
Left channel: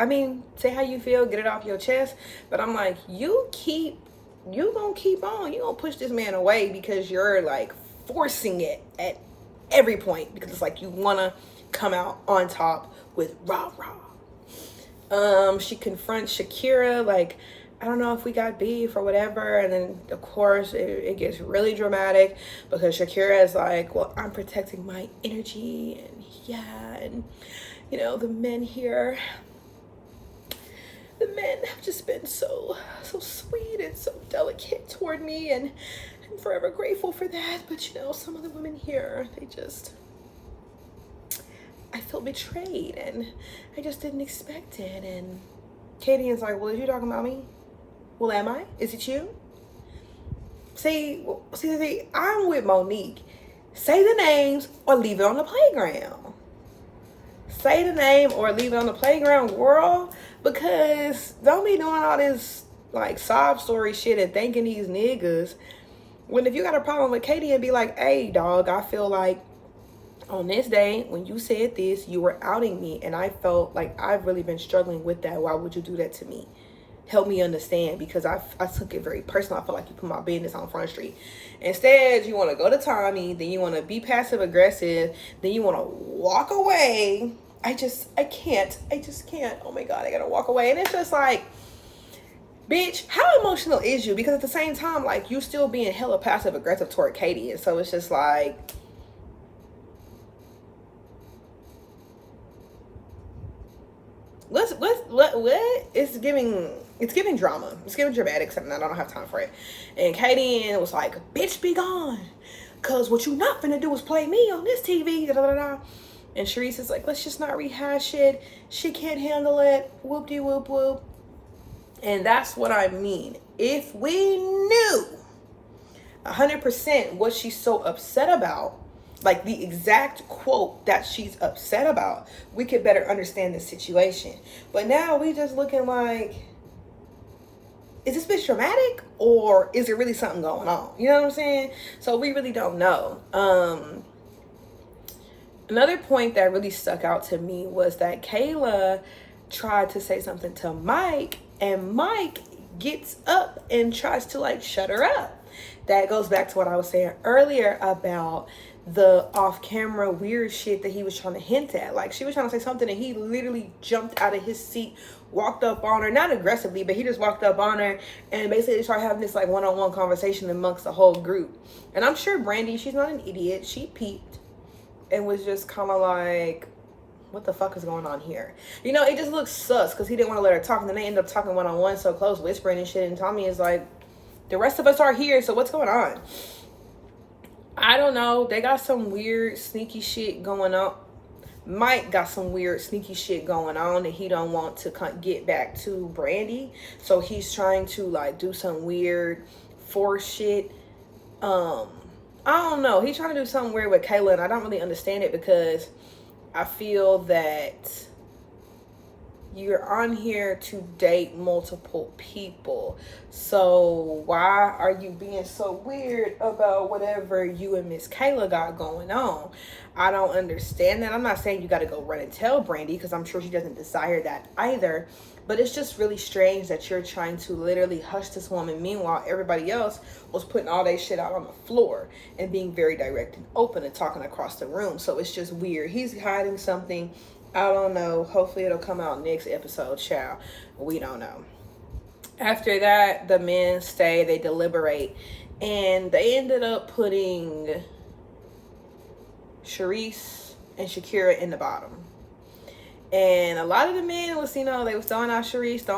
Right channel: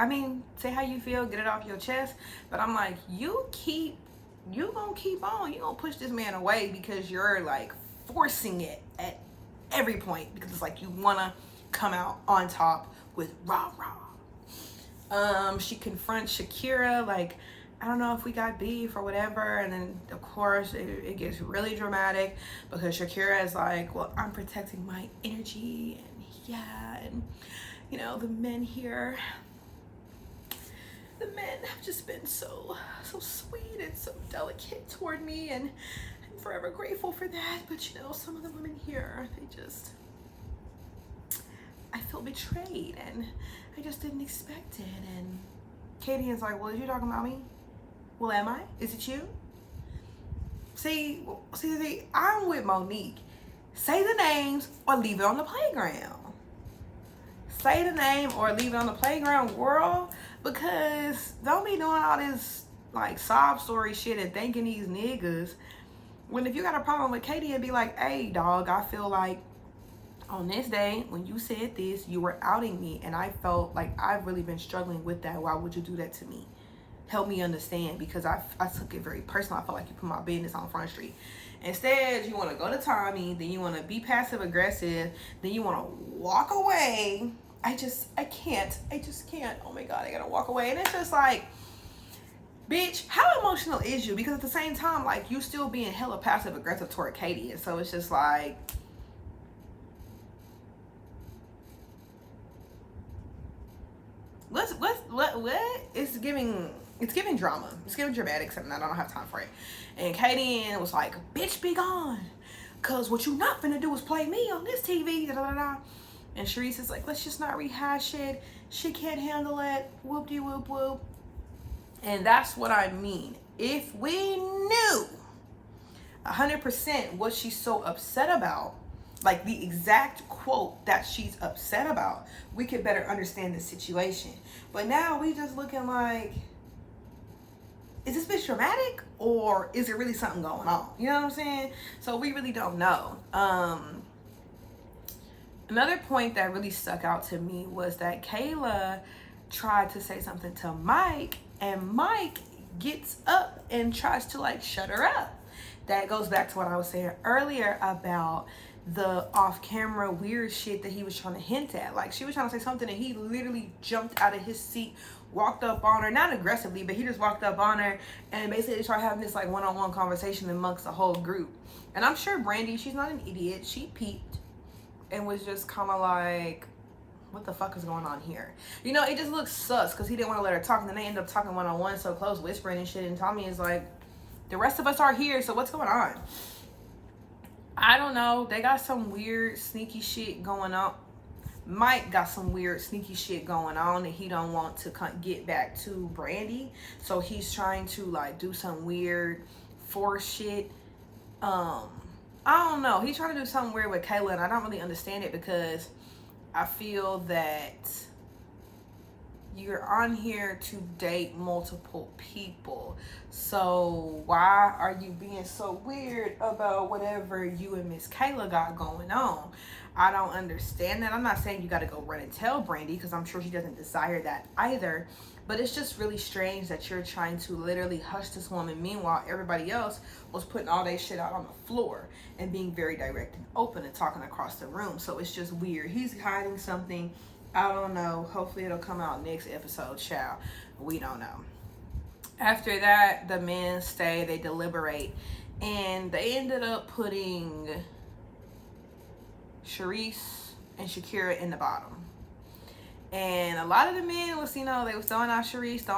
I mean, say how you feel, get it off your chest. But I'm like, you gonna keep on. You gonna push this man away because you're like forcing it at every point, because it's like you wanna come out on top with rah rah. She confronts Shakira like, I don't know if we got beef or whatever. And then of course it gets really dramatic, because Shakira is like, well, I'm protecting my energy, and yeah, and you know, the men here, the men have just been so sweet and so delicate toward me, and I'm forever grateful for that. But you know, some of the women here, I feel betrayed, and I just didn't expect it. And Katie is like, well, is you talking about me? Well, am I? Is it you? See, I'm with Monique. Say the names or leave it on the playground. Say the name or leave it on the playground, girl. Because don't be doing all this like sob story shit and thanking these niggas. When if you got a problem with Katie and be like, hey dog, I feel like on this day when you said this, you were outing me, and I felt like I've really been struggling with that. Why would you do that to me? Help me understand, because I took it very personal. I feel like you put my business on Front Street. Instead, you want to go to Tommy, then you want to be passive aggressive, then you want to walk away. I just can't. Oh my God, I gotta walk away. And it's just like, bitch, how emotional is you? Because at the same time, like, you still being hella passive aggressive toward Katie. And so it's just like, what? It's giving drama. It's giving dramatic something. I don't have time for it. And Katie was like, bitch, be gone. Cause what you not finna do is play me on this TV. Da, da, da, da. And Sharice is like, let's just not rehash it. She can't handle it. Whoop de whoop whoop. And that's what I mean. If we knew 100% what she's so upset about, like the exact quote that she's upset about, we could better understand the situation. But now we just looking like, is this bitch dramatic or is there really something going on? You know what I'm saying? So we really don't know. Another point that really stuck out to me was that Kayla tried to say something to Mike, and Mike gets up and tries to like shut her up. That goes back to what I was saying earlier about the off-camera weird shit that he was trying to hint at. Like, she was trying to say something and he literally jumped out of his seat, walked up on her, not aggressively, but he just walked up on her and basically started having this like one-on-one conversation amongst the whole group. And I'm sure Brandy, she's not an idiot, she peeped and was just kind of like, what the fuck is going on here? You know, it just looks sus because he didn't want to let her talk, and then they end up talking one-on-one so close, whispering and shit, and Tommy is like, the rest of us are here, so what's going on? I don't know. They got some weird, sneaky shit going on. Mike got some weird, sneaky shit going on and he don't want to get back to Brandy. So he's trying to like do some weird force shit. I don't know. He's trying to do something weird with Kayla, and I don't really understand it because I feel that you're on here to date multiple people. So why are you being so weird about whatever you and Miss Kayla got going on? I don't understand that. I'm not saying you got to go run and tell Brandy because I'm sure she doesn't desire that either. But it's just really strange that you're trying to literally hush this woman. Meanwhile, everybody else was putting all their shit out on the floor and being very direct and open and talking across the room. So it's just weird. He's hiding something. I don't know. Hopefully it'll come out next episode, child. We don't know. After that, the men stay, they deliberate, and they ended up putting Sharice and Shakira in the bottom. And a lot of the men was, you know, they was throwing out Sharice.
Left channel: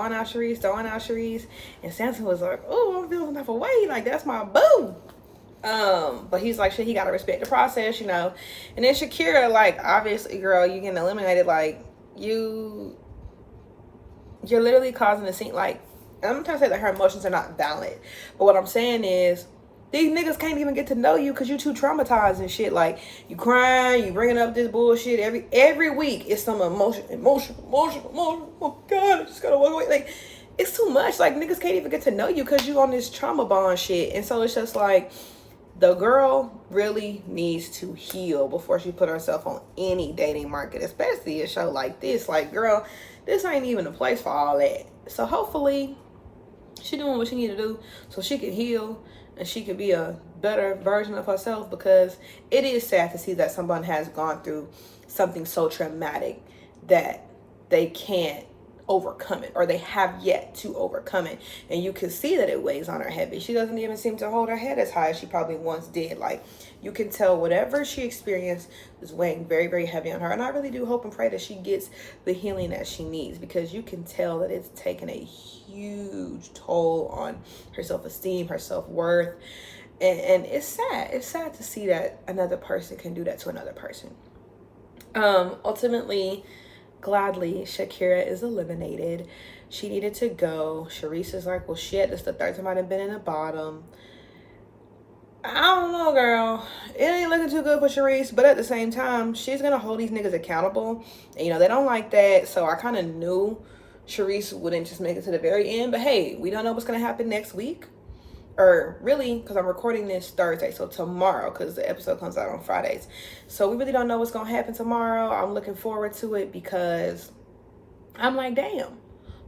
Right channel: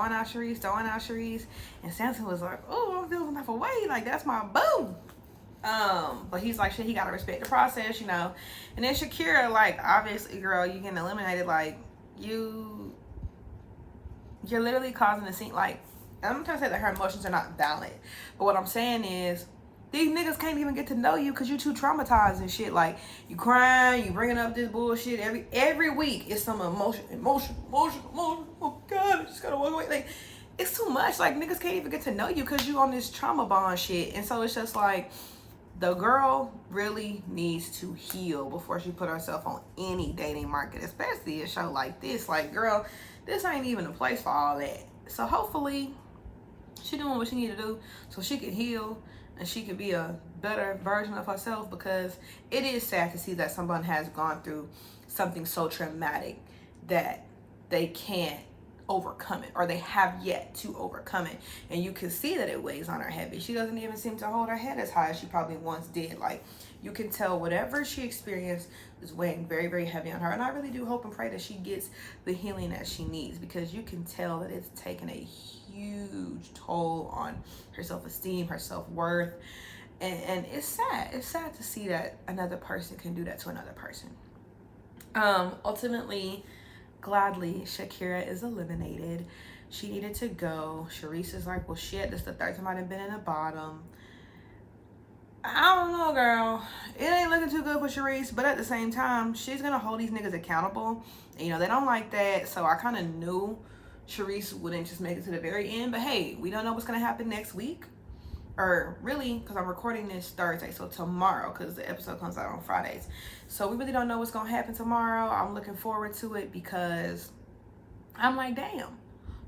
And Samson was like, oh, I'm feeling some type of way. Like, that's my boo. But he's like, shit, he gotta respect the process, you know. And then Shakira, like, obviously, girl, you getting eliminated. Like, you're literally causing a scene. Like, I'm not trying to say that her emotions are not valid, but what I'm saying is, these niggas can't even get to know you because you too traumatized and shit. Like, you crying, you bringing up this bullshit every week. It's some emotion. Oh God, I just gotta walk away. Like, it's too much. Like, niggas can't even get to know you because you on this trauma bond shit. And so it's just like, the girl really needs to heal before she put herself on any dating market, especially a show like this. Like, girl, this ain't even a place for all that. So hopefully she doing what she need to do so she can heal and she can be a better version of herself, because it is sad to see that someone has gone through something so traumatic that they can't overcome it, or they have yet to overcome it. And you can see that it weighs on her heavy. She doesn't even seem to hold her head as high as she probably once did. Like, you can tell whatever she experienced is weighing very, very heavy on her. And I really do hope and pray that she gets the healing that she needs, because you can tell that it's taken a huge toll on her self-esteem, her self-worth. And it's sad. It's sad to see that another person can do that to another person. Ultimately, gladly, Shakira is eliminated. She needed to go. Sharice is like, well, shit, this is the third time I've been in the bottom. know, girl, it ain't looking too good for Charisse, but at the same time, she's gonna hold these niggas accountable. And, you know, they don't like that, so I kind of knew Charisse wouldn't just make it to the very end. But hey, we don't know what's gonna happen next week. Or really, because I'm recording this Thursday, so tomorrow, because the episode comes out on Fridays. So we really don't know what's gonna happen tomorrow. I'm looking forward to it because I'm like, damn,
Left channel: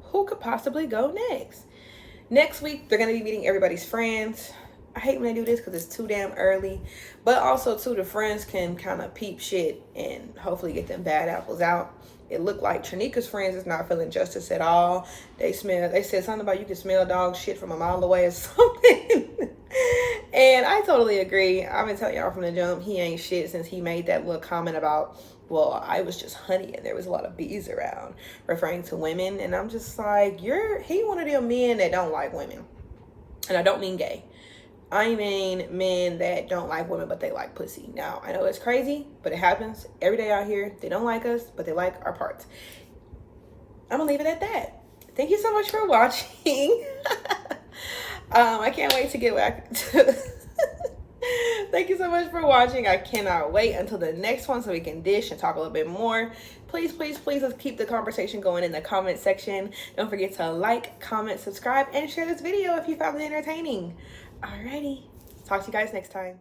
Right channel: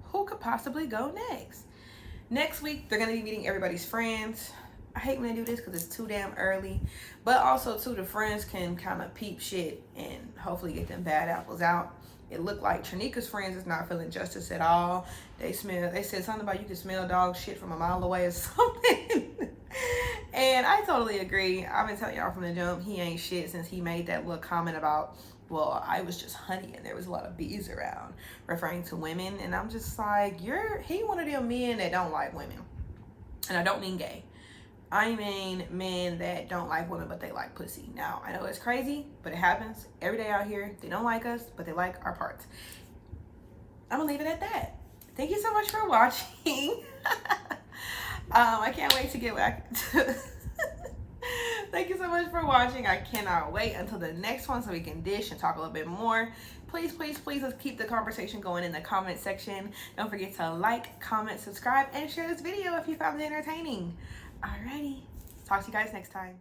who could possibly go next? Next week, they're gonna be meeting everybody's friends. I hate when they do this because it's too damn early. But also, too, the friends can kind of peep shit and hopefully get them bad apples out. It looked like Trinika's friends is not feeling justice at all. They said something about you can smell dog shit from a mile away or something. And I totally agree. I've been telling y'all from the jump, he ain't shit since he made that little comment about, well, I was just honey and there was a lot of bees around, referring to women. And I'm just like, he one of them men that don't like women. And I don't mean gay. I mean men that don't like women, but they like pussy. Now, I know it's crazy, but it happens every day out here. They don't like us, but they like our parts. I'm gonna leave it at that. Thank you so much for watching. I can't wait to get back to... Thank you so much for watching. I cannot wait until the next one so we can dish and talk a little bit more. Please, please, please, let's keep the conversation going in the comment section. Don't forget to like, comment, subscribe, and share this video if you found it entertaining. Alrighty, talk to you guys next time.